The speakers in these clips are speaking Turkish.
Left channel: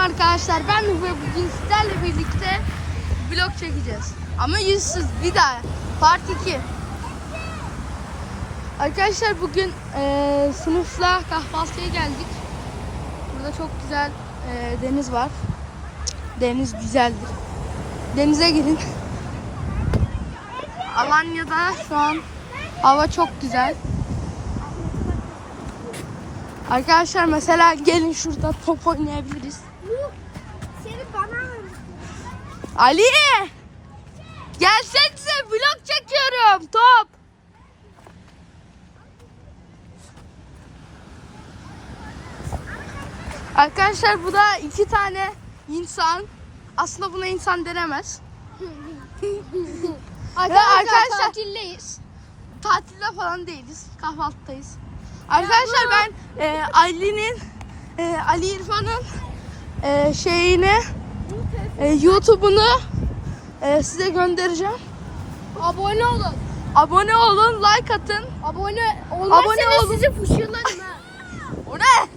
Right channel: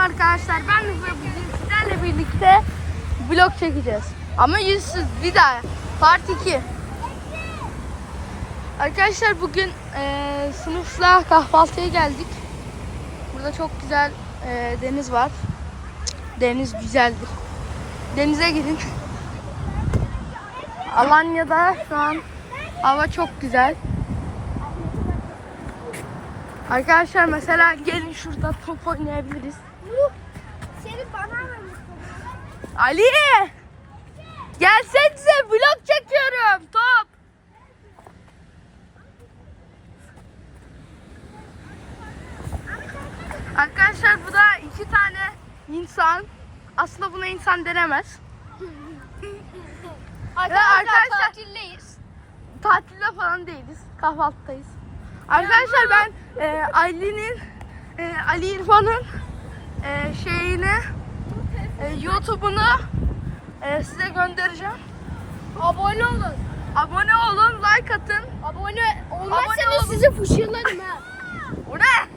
arkadaşlar ben ve bugün sizlerle birlikte blok çekeceğiz. Ama yüzsüz bir daha. Part 2. Arkadaşlar bugün e, sınıfla kahvaltıya geldik. Burada çok güzel e, deniz var. Deniz güzeldir. Denize girin. Alanya'da şu an hava çok güzel. Arkadaşlar mesela gelin şurada top oynayabiliriz. Ali! gelsen Gelsenize vlog çekiyorum. Top. Arkadaşlar bu da iki tane insan. Aslında buna insan denemez. arkadaşlar, arkadaşlar tatildeyiz. Tatilde falan değiliz. Kahvaltıdayız. Arkadaşlar ya, ben e, Ali'nin e, Ali, e, Ali İrfan'ın e, şeyini e, YouTube'unu e, size göndereceğim. Abone olun. Abone olun, like atın. Abone olun. Abone olun. Sizi fışırladım. ne?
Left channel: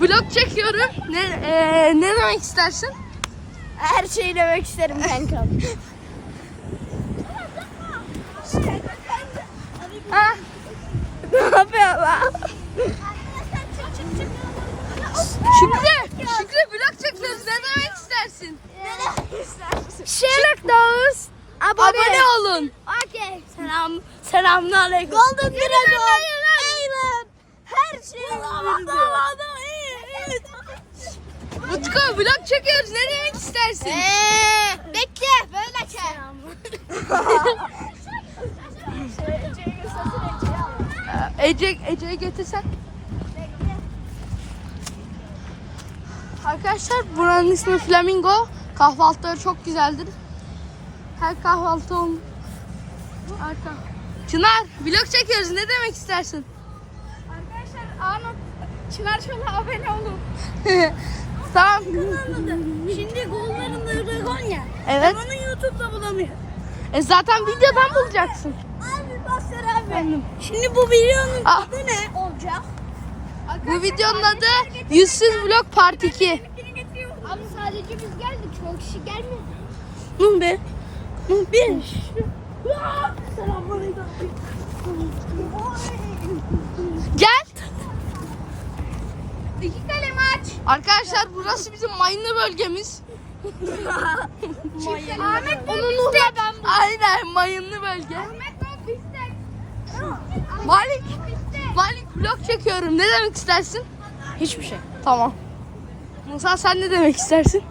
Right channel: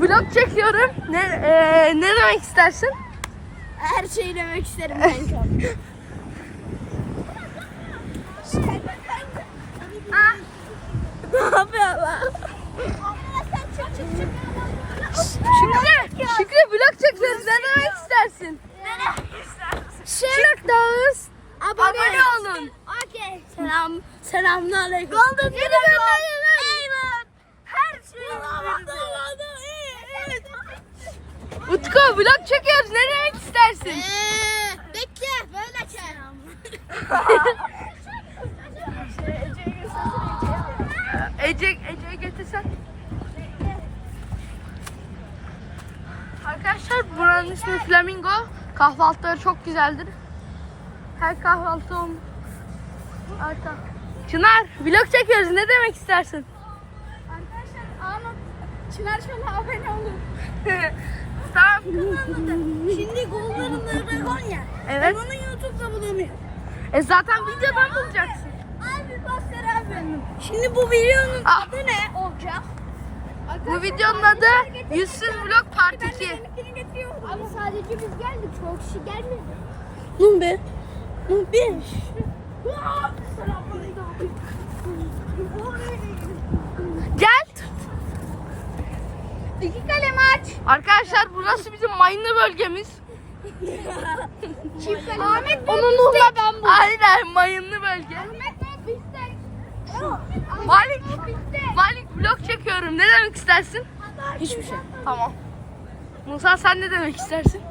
Vlog çekiyorum. Ne, e, ne demek istersin? Her şeyi demek isterim ben kanka. ah. Ne yapıyorlar? Şerlik Dağız. Abone, abone olun. Okey. Selam. Selamlar. Golden Dragon. Utku vlog çekiyoruz. Nereye e, istersin? bekle. Böyle çek. ece Ece'yi götürsen. Arkadaşlar buranın ismi Flamingo. Kahvaltıları çok güzeldir. Her kahvaltı oldu. arka. Çınar vlog çekiyoruz. Ne demek istersin? Arkadaşlar anı Çınar şöyle abone olun. tamam. Şimdi golların dragon ya. Evet. Ben onu YouTube'da bulamıyorum. E zaten e bir videodan bulacaksın. Efendim. Şimdi bu videonun ah. adı ne olacak? bu Arkadaşlar, videonun adı Yüzsüz Vlog Part 2. Ben, iki. ben ama sadece biz geldik. Çok kişi şey gelmedi. Ne be? Ne be? Gel. İki kalem aç. Arkadaşlar burası bizim mayınlı bölgemiz. Çift mayınlı. Mayınlı Aynen mayınlı bölge. Ahmet Bey bizde. Malik. Ahmet, biz Malik, biz Malik vlog çekiyorum. Ne demek istersin? Hiçbir şey. Tamam. Musa sen ne demek istersin?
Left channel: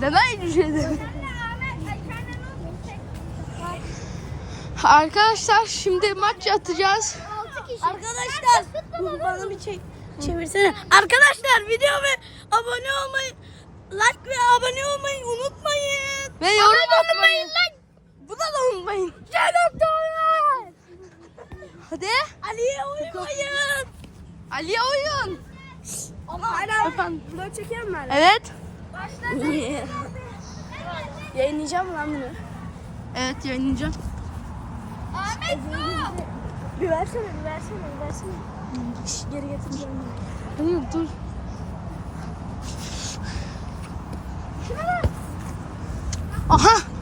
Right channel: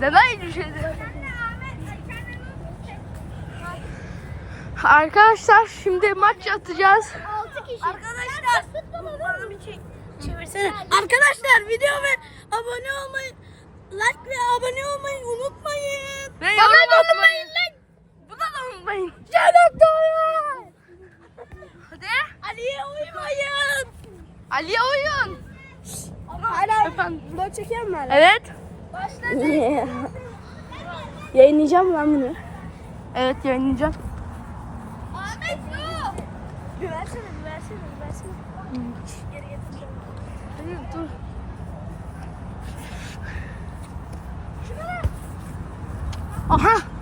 Demek bir şey demek. Arkadaşlar şimdi maç atacağız. Arkadaşlar uf, bana bir şey çevirsene. Hı. Arkadaşlar videomu abone olmayı like ve abone olmayı unutmayın. Ve yorum bana atmayın. Lan. Bu da da unutmayın. Canım doyar. Hadi. Ali oyun. Allah. Efendim. Bunu çekeyim mi? Evet. yayınlayacağım lan bunu. Evet yayınlayacağım. Ahmet go. Bir, bir versene. Geri getireyim. Hayır dur. Aha.